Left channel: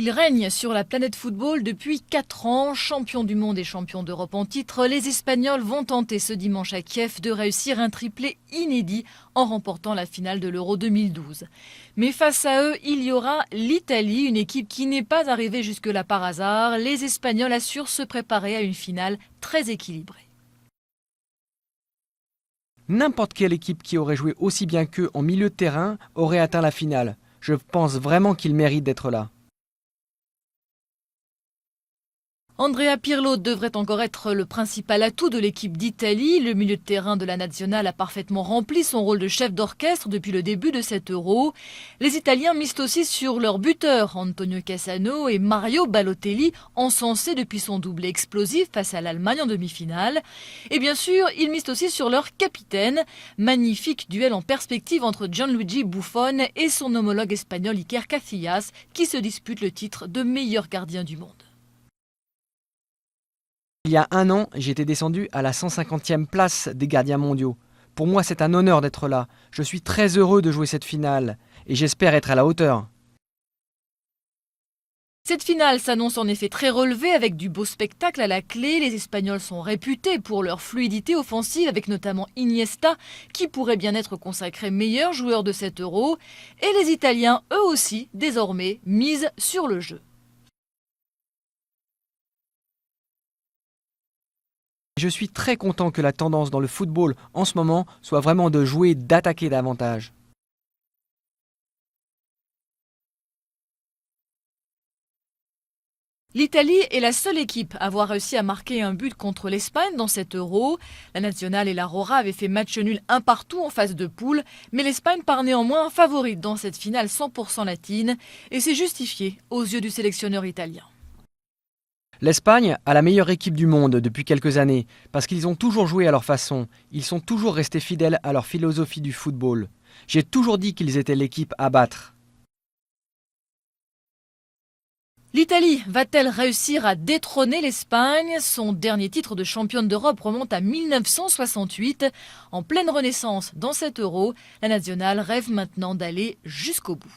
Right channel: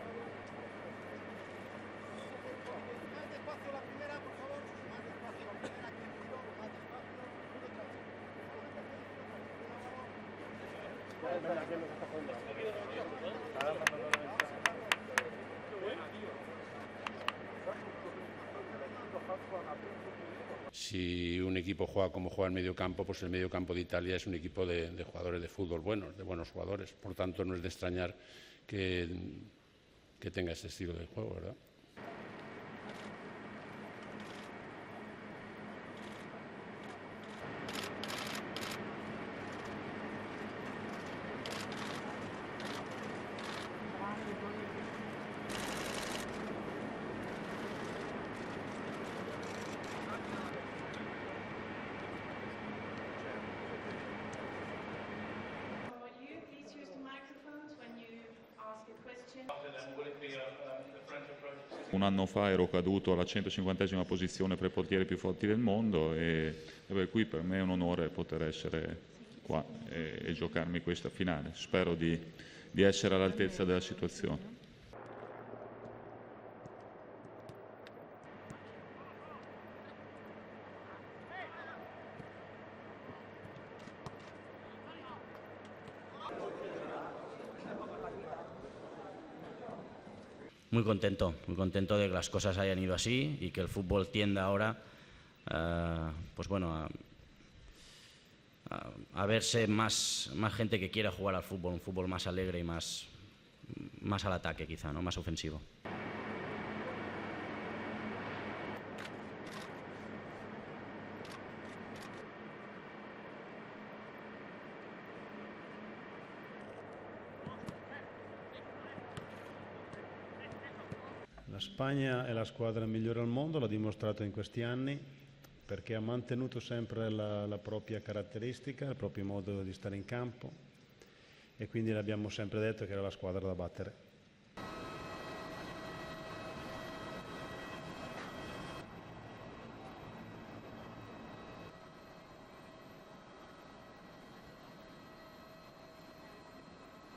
Il règne sur la planète football depuis 4 ans. Champions du monde et champions d'Europe en titre, les Espagnols vont tenter ce dimanche à Kiev de réussir un triplé inédit en remportant la finale de l'Euro 2012. Mais face à eux, il y aura l'Italie, une équipe qui n'est pas arrivée jusque-là par hasard. Les Espagnols assurent se préparer à une finale très équilibrée. N'importe quelle équipe qui aurait joué aussi bien qu'eux en milieu de terrain aurait atteint la finale. Je pense vraiment qu'ils méritent d'être là. Andrea Pirlo devrait encore être le principal atout de l'équipe d'Italie. Le milieu de terrain de la Nationale a parfaitement rempli son rôle de chef d'orchestre depuis le début de cet Euro. Les Italiens misent aussi sur leurs buteurs, Antonio Cassano et Mario Balotelli, encensés depuis son doublé explosif face à l'Allemagne en demi-finale. Et bien sûr, ils misent aussi sur leur capitaine. Magnifique duel en perspective entre Gianluigi Buffon et son homologue espagnol Iker Casillas, qui se disputent le titre de meilleur gardien du monde. Il y a un an, j'étais descendu à la 150e place des gardiens mondiaux. Pour moi, c'est un honneur d'être là. Je suis très heureux de jouer cette finale et j'espère être à la hauteur. Cette finale s'annonce en effet très relevée avec du beau spectacle à la clé. Les Espagnols sont réputés pour leur fluidité offensive avec notamment Iniesta qui pourrait bien être consacré meilleur joueur de cet Euro. Et les Italiens, eux aussi, désormais, misent sur le jeu. Je suis très content que la tendance dans le football en ce moment soit vraiment de jouer, d'attaquer davantage. L'Italie est la seule équipe à avoir réussi à marquer un but contre l'Espagne dans cet Euro. La Nationale et la Rora avaient fait match nul un partout en phase de poule, mais l'Espagne part néanmoins favorite dans cette finale 100% latine et c'est justifié aux yeux du sélectionneur italien. L'Espagne a la meilleure équipe du monde depuis quelques années parce qu'ils ont toujours joué à leur façon. Ils sont toujours restés fidèles à leur philosophie du football. J'ai toujours dit qu'ils étaient l'équipe à battre. L'Italie va-t-elle réussir à détrôner l'Espagne? Son dernier titre de championne d'Europe remonte à 1968. En pleine renaissance dans cet Euro, la Nationale rêve maintenant d'aller jusqu'au bout.